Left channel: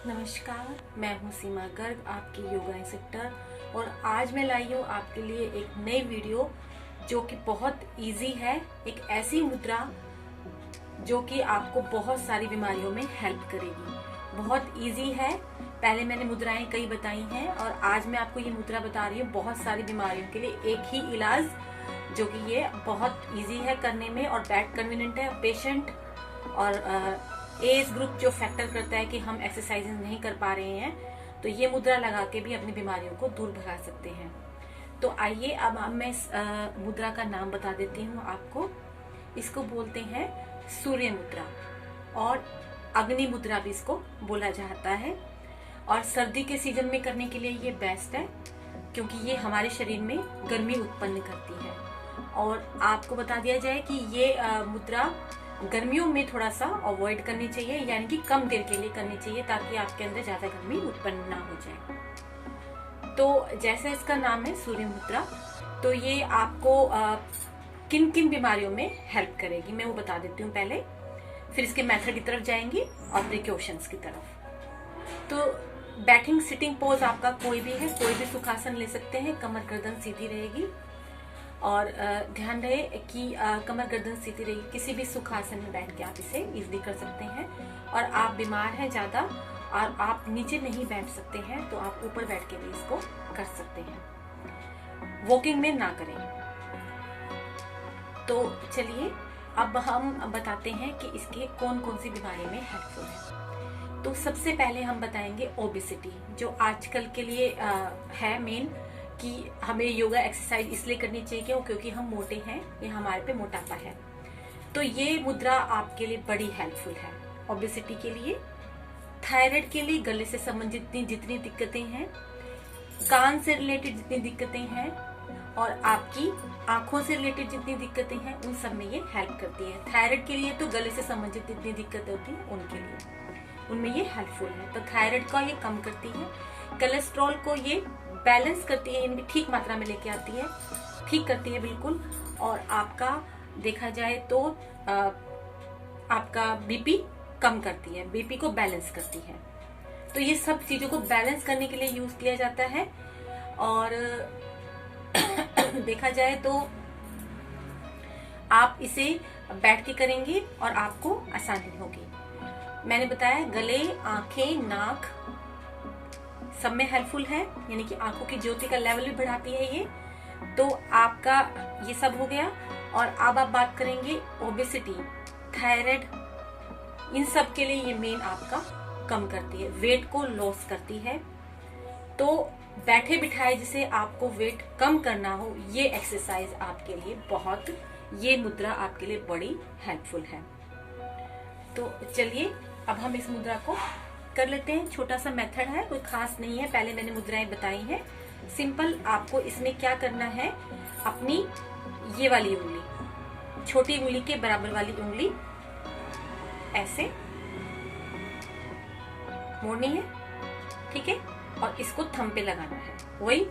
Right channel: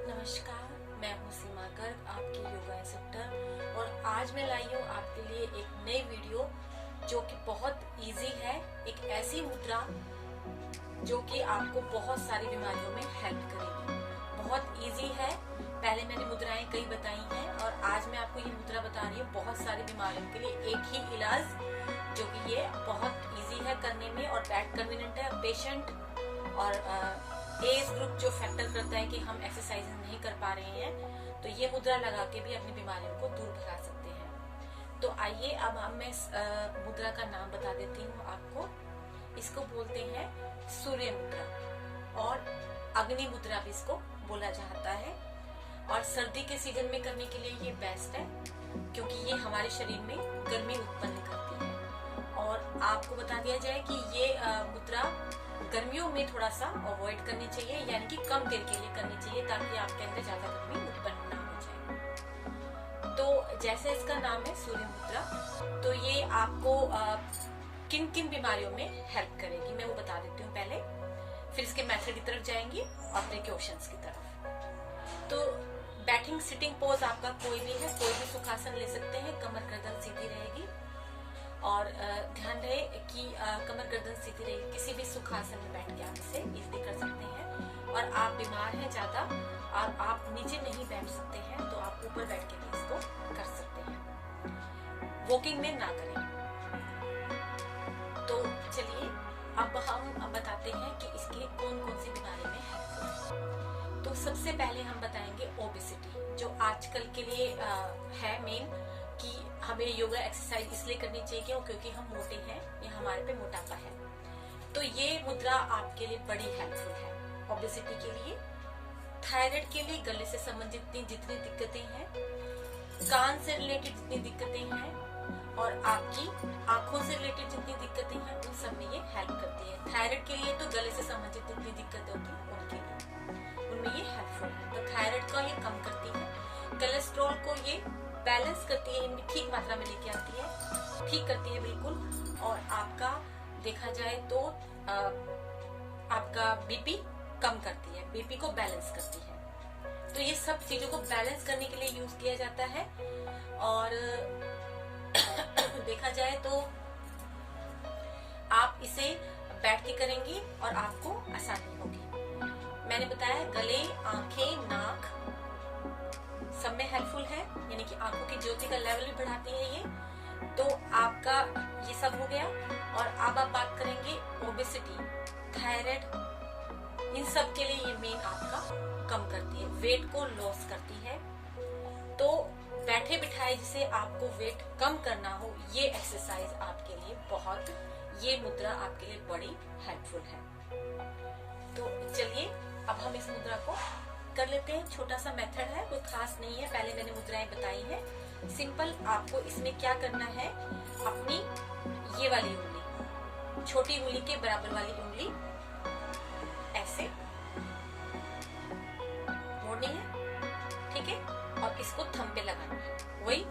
नमस्कार, मैं हूँ सीमा गर्ग, आपकी योगा इंस्ट्रक्टर। और आज मैं लाई हूँ आपके लिए एक नई वीडियो जो कि बहुत इजी है। एक ऐसी मुद्रा जो कि आपको बहुत सारी बीमारियों में हेल्प करेगी। बहुत इजी है। पहले मैंने मुद्राएं कई बताई हैं और आज मैं आपको ये मुद्रा बता रही हूँ बहुत सारी बीमारियों के लिए एक ही इलाज, जो कि ये बहुत इजी है करने में और बैड कन्वीनियंट है। पेशेंट और एज ग्रुप जो फैक्टर करता है कि हम एक्सरसाइज नहीं कर पा रहे हैं, तो ये मुद्रा लगा के भी अपनी बीमारियों को दूर भगा सकते हैं। तो आइए अब मैं इस मुद्रा का नाम बता देती हूँ आपको। इसको बोलते हैं सूर्य मुद्रा और अग्नि मुद्रा भी इसको बोला जाता है। और सर्दी के सीजन में करने के लिए ये बेस्ट है क्योंकि ये हमारे शरीर में गर्मी उत्पन्न करती है। और आपको बता दिया जाए कि ये मुद्रा गर्मियों में थोड़ा सा अवॉइड करनी चाहिए, यानी कि कम देर के लिए करनी चाहिए ताकि आपके अंदर ज्यादा गर्मी उत्पन्न ना हो जाए। तो जैसा इसका नाम है सूर्य मुद्रा, तो ये आपको किन किन बीमारियों में हेल्प करेगी मैं वो बता देती हूँ पहले, फिर इसके मेथड की तरफ जाएंगी और प्रिकॉशंस की तरफ। तो बैठिंग सिटिंग पोज आपका कोई भी है, कोई भी सुखासन ले सकते हैं। कमर गर्दन सीधी रहेगी और ध्यान रहे कि कमर गर्दन सीधी रहेगी। किसी भी सुखासन में बैठ के आप इसे इजीली कर सकते हैं। और आप बीमार हैं ज्यादा और आप नीचे नहीं बैठ सकते हैं तो आप ऊपर बैठ के भी इसको कर सकते हैं। वॉकिंग में ना करें। तो चलिए अब हम बताते हैं कि इसके कौन कौन सी बीमारी में हेल्पफुल है। तो सबसे पहले हम बताएंगे ओबेसिटी, जो आजकल के लिए है मेन, कि हमें योगा एक्सरसाइज इसलिए करनी चाहिए क्योंकि हम मोटे हैं, ये हमारे पे मोटापा है। तो ये मुद्रा आपके लिए बड़ी हेल्पफुल है ओबेसिटी के लिए, थायराइड के लिए, गले से संबंधित जितनी दिक्कतें हैं, कान से रिलेटेड जितनी दिक्कतें हैं और आपकी आंखों से रिलेटेड जितनी दिक्कतें हैं, उन सब में ये हेल्प करती है। थायराइड के लिए तो गले से संबंधित जितनी दिक्कतें होती हैं उनके लिए, उनमें ये हेल्पफुल है। तो थायराइड का ये कम करती है, कोलेस्ट्रॉल को ये बैलेंस करती है, यानी ठीक मात्रा में लेके आती है, ठीक करती है बिल्कुल। और आपका देखा जाए तो आपका बीपी कम करती है, बीपी को बैलेंस करती है। तो ये सब चीजों को बैलेंस करने के लिए यूज किया जाता है। और देखा जाए तो आप इसे बैठ के करेंगे और आपको आसानी होगी। मैंने बताया गले, आंखें, नाक सब में हेल्पफुल है, यानी कि आंखों की ज्योति का लेवल भी बढ़ाती है ये। तो आपका ये सब हो गया। और अब आप बात करेंगे ओबेसिटी, थायराइड, इन सब के लिए ये मेन आपका कम करती है, वेट को लॉस करती है। तो बैठे बिठाए जिसे आपको वेट कम करना हो, ये एक्सरसाइज आपके लिए बहुत, ये मुद्रा आपके लिए बड़ी हेल्पफुल है। तो चलिए अब हम इस मुद्रा को कर लेते हैं। छोटा सा मेथड है, कोई खास नहीं है, पहले मैंने मुद्राएं बताई हैं सिंपल। आपको इसमें क्या करना है, अपनी ये वाली उंगली, छोटी उंगली के बराबर वाली उंगली ऐसे मोड़नी है, ठीक है, और इसको थंब पे लगाना है, वही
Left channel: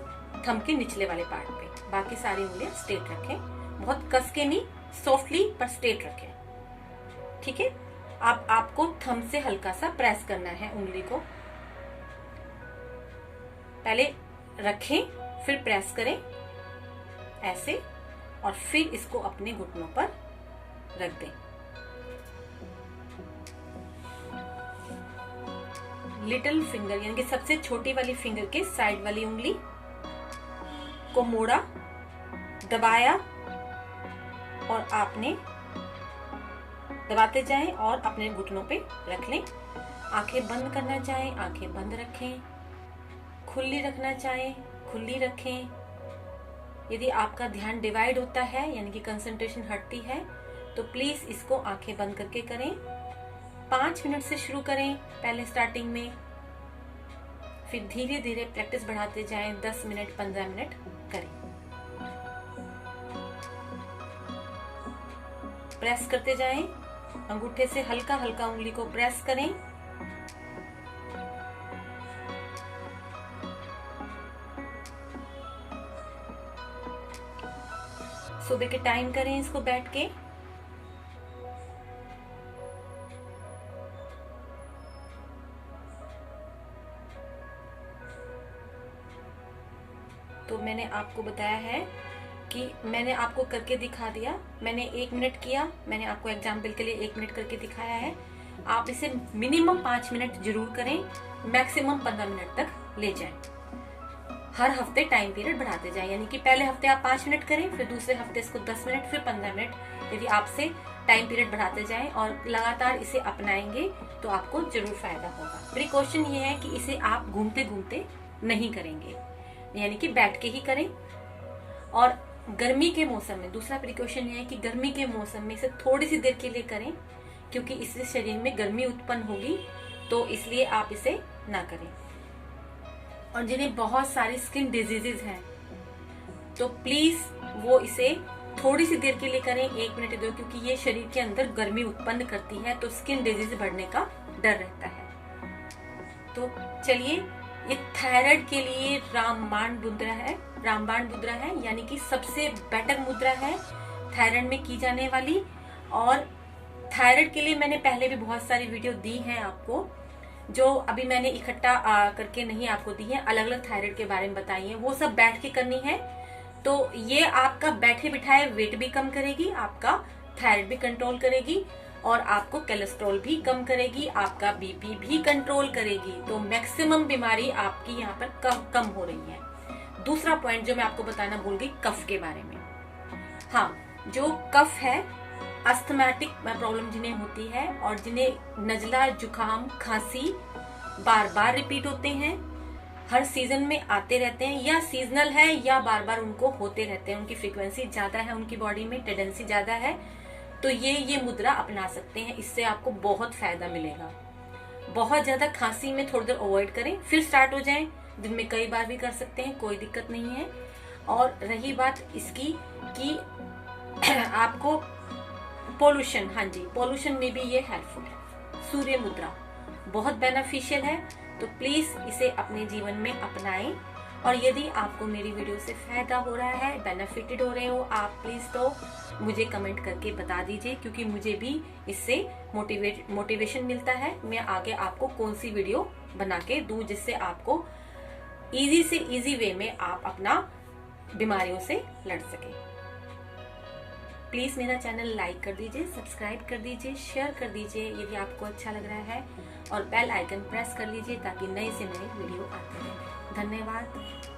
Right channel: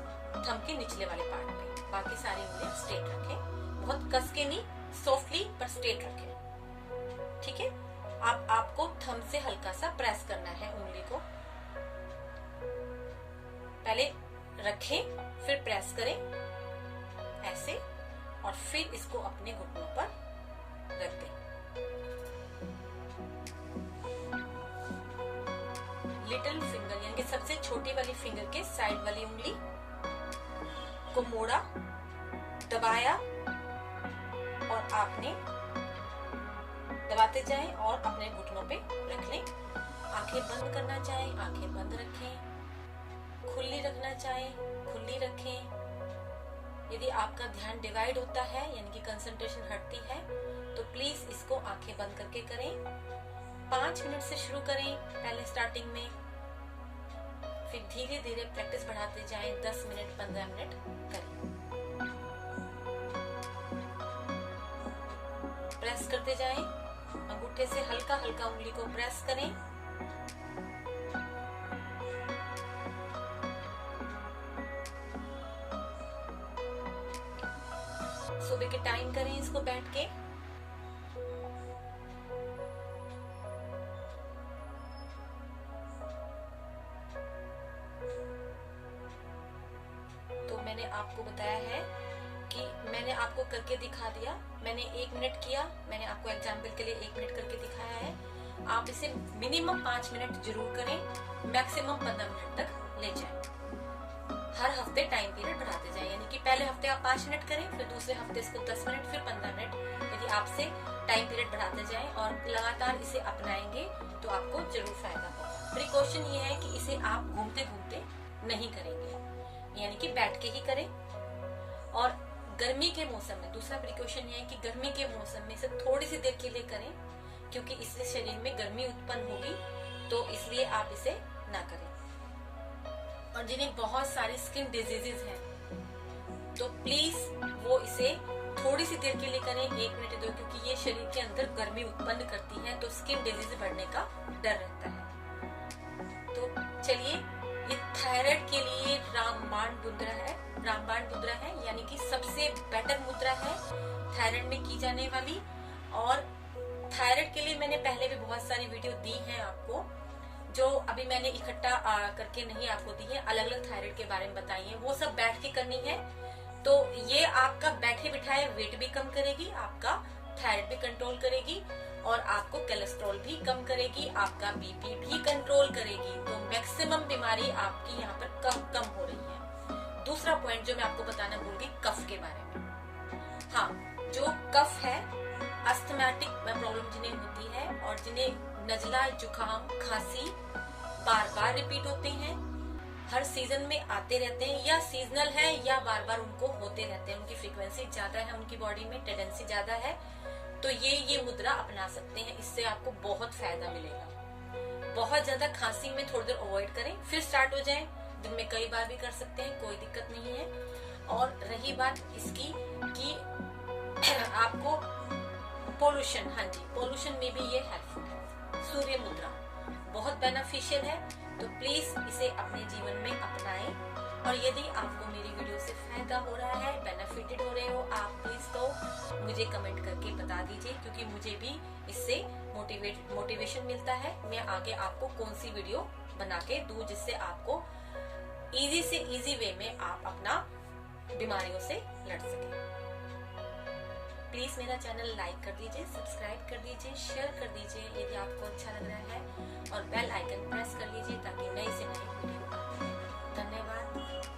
थंब के निचले वाले पार्ट पे। बाकी सारी उंगलियां स्ट्रेट रखें, बहुत कस के नहीं, सॉफ्टली पर स्ट्रेट रखें, ठीक है। अब आपको थंब से हल्का सा प्रेस करना है उंगली को, पहले रखें फिर प्रेस करें ऐसे, और फिर इसको अपने घुटनों पर रख दें। लिटिल फिंगर यानी कि सबसे छोटी वाली फिंगर के साइड वाली उंगली को मोड़ा, दबाया और आपने दबाते जाएं और अपने घुटनों पे रख लें। आंखें बंद करना चाहें आंखें बंद रखें, खुली रखना चाहें खुली रखें। यदि आपका ध्यान डिवाइड होता है यानी कि कंसंट्रेशन हटती है तो प्लीज इसको आंखें बंद करके करें। 5 मिनट से शुरू करें पहले स्टार्टिंग में, फिर धीरे धीरे प्रैक्टिस बढ़ाते जाएं। 10 मिनट 15 मिनट करें। प्रेस करते जाएं, अंगूठे से हल्का हल्का उंगली को प्रेस करें। सुबह के टाइम करें इसको बैठ के। आपको बताया है कि मैंने आपको करके दिखा दिया। मैंने 1 मिनट किया, मैंने आपको एग्जाम्पल के लिए 1 मिनट करके दिखाया है। आप इसे मिनिमम 5 मिनट जरूर करें, मैक्सिमम 15 मिनट तक ले जाएं। हर हफ्ते टाइम पीरियड बढ़ाते जाएं, यानी कि पहले हफ्ते आप 5 मिनट करें, फिर दूसरे हफ्ते इसको 10 मिनट, फिर 15 मिनट। यदि आपसे टाइम पीरियड बढ़ाते जाएं और लगातार इसे अपनाएंगे तो आपको जरूर फायदा होगा। प्रिकॉशन ये है कि इसे आप घूमते घूमते नहीं करेंगे, यानी कि बैठ के ही करें। और गर्मी के मौसम में दूसरा प्रिकॉशन ये है कि गर्मी के मौसम में इसे थोड़ी सी देर के लिए करें, क्योंकि इससे शरीर में गर्मी उत्पन्न होगी, तो इसलिए आप इसे ना करें। और जिन्हें बहुत सारी स्किन डिजीजेज हैं तो प्लीज वो इसे थोड़ी सी देर के लिए करें, 1 मिनट दो, क्योंकि ये शरीर के अंदर गर्मी उत्पन्न करती है, तो स्किन डिजीज बढ़ने का डर रहता है। तो चलिए, ये थायराइड के लिए रामबाण मुद्रा है। रामबाण मुद्रा है यानी कि सबसे बेटर मुद्रा है थायराइड में की जाने वाली। और थायराइड के लिए मैंने पहले भी बहुत सारी वीडियो दी हैं आपको, जो अभी मैंने इकट्ठा करके नहीं आपको दी है। अलग अलग थायराइड के बारे में बताई है, वो सब बैठ के करनी है। तो ये आपका बैठे बिठाए वेट भी कम करेगी, आपका थायराइड भी कंट्रोल करेगी, और आपको कोलेस्ट्रॉल भी कम करेगी, आपका बीपी भी कंट्रोल करेगी। तो मैक्सिमम बीमारी आपकी यहाँ पर कम हो रही है। दूसरा पॉइंट जो मैं आपको बताना भूल गई, कफ के बारे में। हाँ, जो कफ है, अस्थमैटिक प्रॉब्लम जिन्हें होती है और जिन्हें नजला, जुकाम, खांसी बार बार रिपीट होते हैं, हर सीजन में आते रहते हैं, या सीजनल है या बार बार उनको होते रहते हैं, उनकी फ्रीक्वेंसी ज्यादा है, उनकी बॉडी में टेंडेंसी ज्यादा है, तो ये मुद्रा अपना सकते हैं। इससे आपको बहुत फायदा मिलेगा। बहुत ज्यादा खांसी में थोड़ी देर अवॉइड करें, फिर स्टार्ट हो जाएं। दिन में कई बार भी कर सकते हैं, कोई दिक्कत नहीं है। और रही बात इसकी कि आपको पोल्यूशन, हाँ जी, पोल्यूशन में भी ये हेल्पफुल है। सूर्य मुद्रा बहुत बेनिफिशियल है, तो प्लीज इसे अपने जीवन में अपनाएं। और यदि आपको मेरी वीडियो से फायदा हो रहा है, बेनिफिटेड हो रहे हो आप, प्लीज तो मुझे कमेंट करके बता दीजिए, क्योंकि मुझे भी इससे मोटिवेशन मिलता है। मैं आगे आपको कौन सी वीडियो बना के दूं जिससे आपको इजी से इजी वे में आप अपना बीमारियों से लड़ सकें। प्लीज मेरा चैनल लाइक कर दीजिए, सब्सक्राइब कर दीजिए, शेयर कर दीजिए यदि आपको अच्छा लग रहा है, और बेल आइकन प्रेस कर लीजिए ताकि नए से नए वीडियो आते हैं। धन्यवाद।